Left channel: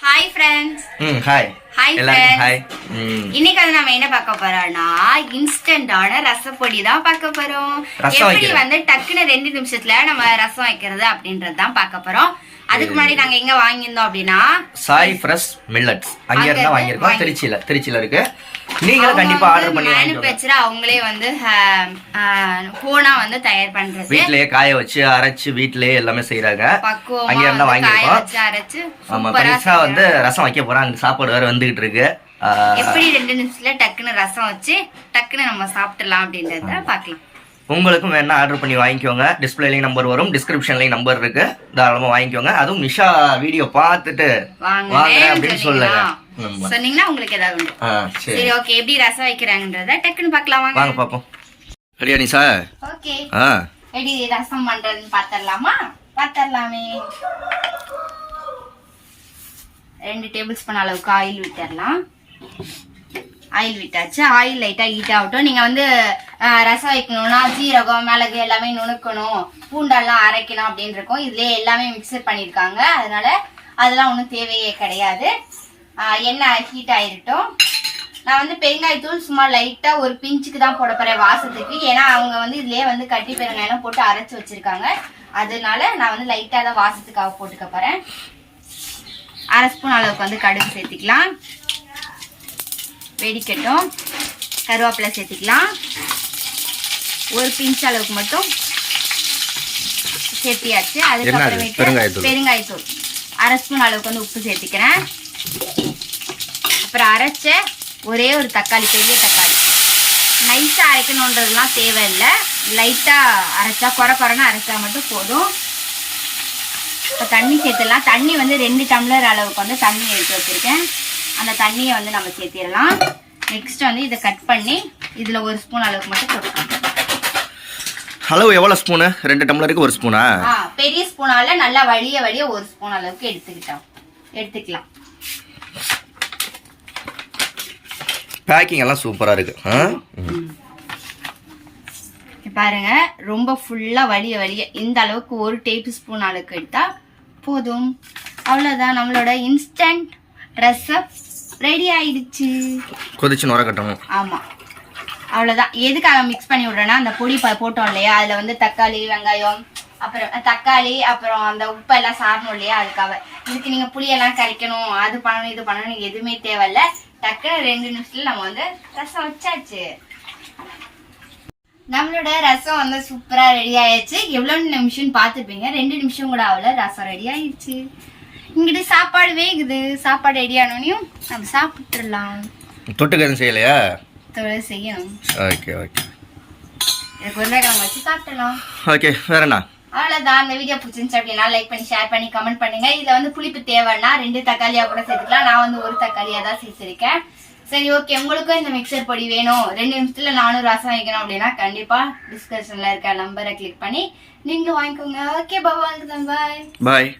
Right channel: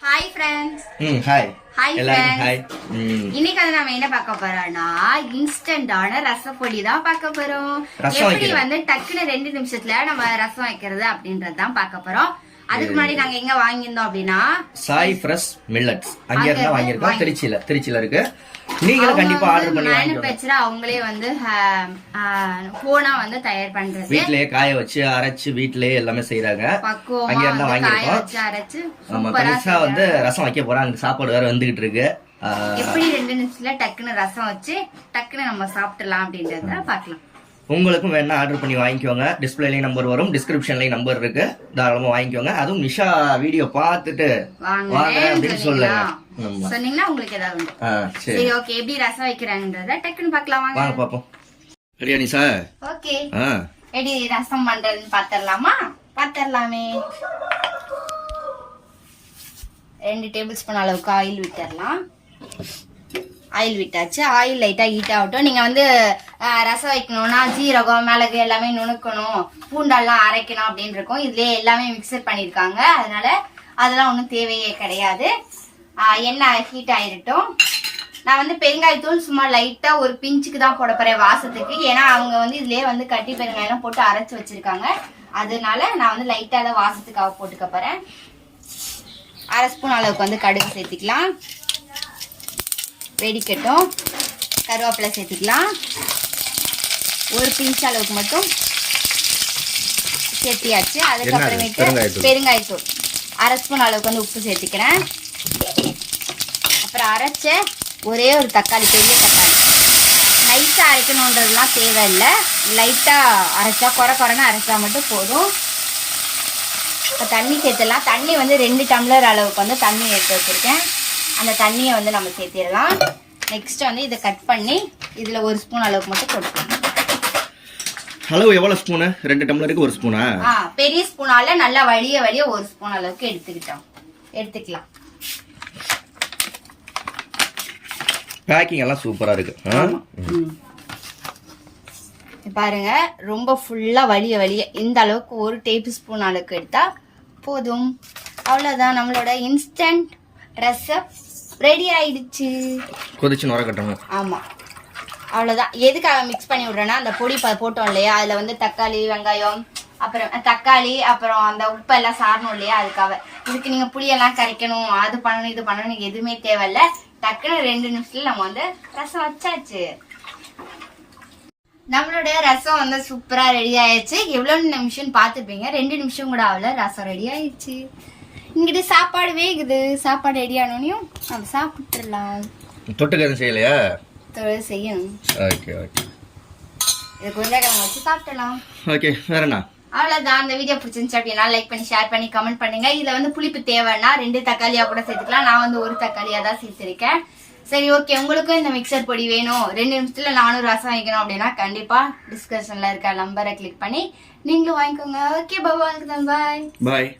Hi friends. Hi. Hi friends. Hi. இன்னைக்கு வந்து நாம என்ன பார்க்க போறோம்னா இன்ஸ்டன்டான ரசப்பொடி தான் பார்க்க போறோம். எப்படி வந்து டக்குன்னு 2 நிமிஷத்துல நம்ம ரசம் வைக்கிறது அப்படின்றது தான் பார்க்க போறோம். அதுக்கு முன்னாடி நாங்க எங்க வாங்கியிருந்தோம் அப்படின்னா சாய் ஃப்ரெஷ் மில்லட்ஸ் அங்க இருந்தா வாங்கியிருக்கோம். திருச்சியில இருக்கு. நீங்களும் கண்டிப்பா ஆர்டர் பண்ணி மேனுஃபேக்சர் அவங்களே வந்து ஹோனா வந்து தயார் பண்றது. வீட்லயே காய வச்சு அரைச்சு வீட்லயே எல்லாமே செய்றாங்க. அங்க இருந்தா வாங்கியிருக்கோம். அரைச்சு ஆமா பரிசா வந்து ரசம் வைக்க போறாங்க. சாப்பாடு வேற வந்துகிட்டு இருக்கு. எப்படி 2 நிமிஷத்துல டக்குன்னு ரசம் வச்சு டக்குன்னு நம்ம சாப்பிடலாம் அப்படின்றத பார்க்கலாம். உங்களுக்கும் வேணா ஆர்டர் பண்ணி வாங்கிக்கோங்க. டிஸ்பிளேலயும் நம்பர் வரும், டிஸ்கிரிப்ஷன்லயும் நம்பர் இருக்கு. தாராளமா வாங்கிக்கோங்க. அதுவும் நிஷா வீடியோ பார்த்துட்டு வாங்க அப்படின்னு சொல்லுங்க. சொன்னீங்கன்னா உங்களுக்கு ஏதாவது உண்டு. சரி ஓகே, எப்படி ரசம் வைக்கிறாங்கன்றத டக்குன்னு பார்க்கலாம். வாங்க பாப்போம். ரெடியா நிஷா? ஓகே. எப்படி ரசம் பண்றதுன்னு பார்த்தறலாமா? பார்த்தறலாமே. 2 டேபிள் ஸ்பூன் அளவுக்கு ஆயில் விட்டுறலாம். ஆயில் விட்டாச்சு. ஆயில் லைட்டா ஹீட் ஆகட்டும். நீங்க வந்து ரசம் வைக்கணும்னா ஜீரகம் மிளகு எல்லாமே நுணுக்கணும், பூண்டெல்லாம் அரைக்கணும் அப்படின்னு இருக்கும். இதுலயே எல்லாமே மிக்சர் பண்ணிருக்காங்க. அதனால அதெல்லாம் ஒன்றும் தேவையே கிடையாது. எண்ணெய் ஹீட் ஆயிருட்டும். நான் வந்து பெருங்காயத்தூள் சும்மா லைட்டா ஒரு பிஞ்சுக்கு தான் போட போறேன் வாசத்துக்கு. ஏன்னா அவங்க வந்து இதுலயே வந்து கட்டி பெருங்காயம் போட்டு அரைச்சு வச்சிருக்காங்க. அதனால நான் வந்து லைட்டா தான் வாசத்துக்காக போட்டுக்க போறேன். 1/2 ஸ்பூன் அளவுக்கு வந்து கடுகு சேர்த்திக்கலாம். வெடிக்கட்டும். கருவேப்பிலை சேர்த்திக்கலாம். ஒரு பிஞ்ச் அளவுக்கு மட்டும் சேர்த்தியாச்சு. அதுக்கப்புறமேட்டு பெருங்காயத்தூள் 1/2 ஸ்பூன் அளவுக்கு வந்து உப்பு சேர்த்திக்கிறேன். அப்புறம் அரைச்ச ஒரே ஒரு தக்காளி, பெரிய தக்காளி. நைஸா அரைக்கணுன்றதுலாம் தேவையில்லை. லைட்டா அரைச்சா குறைன்னு அரைச்சா மட்டும் போதும். தண்ணி சேர்த்துடலாம். தண்ணி வந்து 2 டம்ளர் அளவுக்கு வந்து தண்ணி எடுத்து வச்சிருக்கேன். அந்த தண்ணியை வந்து நம்ம சேர்த்திடலாம். நெக்ஸ்ட் வந்து இதை கட் பண்ணி இதுல 1 ஸ்பூன் அளவுக்கு மட்டும் போட்டுக்கலாம். அளவு எவ்வளவு ஸ்பூனு? 2 டம்ளருக்கு 1 ஸ்பூனா? பெரிய ஸ்பூனால நல்லா வலிய 1 ஸ்பூன் அளவுக்கு எடுத்துக்கலாம். பேக்கிங் எல்லாம் சூப்பரா இருக்கு. பாருங்க, ரொம்ப ஃபுல்லா வலிய இந்த அளவுக்கு 1 டேபிள் ஸ்பூன் அளவுக்கு எடுத்தா போதும். அவ்வளவுதான், நம்மளோட இன்ஸ்டன்ட் ரசம் ரெடி ஆயிடுச்சு. கொதிச்சு நுர கட்டணும். ஆமா, அவ்வளவுதான். எதுக்காக மிக்ஸ் பண்ணி விடுறேன்னா அந்த பொடி போட்டோம் இல்லையா, அதுல வந்து தக்காளி வெங்காயம் அப்புறம் அந்த உப்பு எல்லாம் சாரணும் இல்லையா, அதுக்காக. இதுக்கு நீங்க புளியெல்லாம் கரைக்கணும், அது பண்ணணும் இது பண்ணணும் நீங்க எதுவுமே தேவையில்ல. டக்குன்னு 2 நிமிஷத்துல நம்ம வந்து ரசம் வச்சாச்சு. நம்மளோட ரசம் வந்து சூப்பரா ரெடி ஆயிடுச்சு. எவ்வளவு நிமிஷம் பாத்துப்பீங்க, 2 நிமிஷம் கூட ஆகல, ரசம் ரெடி ஆயிடுச்சு. இங்கிட்டு சாப்பாடு வேகுது. சாப்பாடு ரெடி ஆனோனையும் நம்ம சாப்பிட்டுடலாம். தொட்டுக்க எதுவும் செய்யலையா? செய்யணும். ஓகே ஓகே, இதுக்கு உருளைக்கிழங்கு வச்சு சாப்பிடலாம். ஓகே, வேற என்ன? அவ்வளவுதான். அந்த வீடியோ பிடிச்சிருந்துச்சு அப்படின்னா லைக் பண்ணி ஷேர் பண்ணி கமெண்ட் பண்ணுங்க. இதுல வந்து புளிப்பு தேவைன்னா 2 தக்காளியா கூட சேர்த்துக்கலாம். நான் வந்து 1 தக்காளியா தான் சேர்த்திருக்கேன். சரி ஓகே, உங்களுக்கும் இந்த மிக்சர் பொடி வேணும், 2 நிமிஷத்துல நானும் ரசம் வைக்கணும் அப்படின்னா கண்டிப்பா டிஸ்கிரிப்ஷன்ல இருக்க நம்பரை கிளிக் பண்ணி நீங்களும் வாங்கிக்கோங்க. Okay bye. பாய்.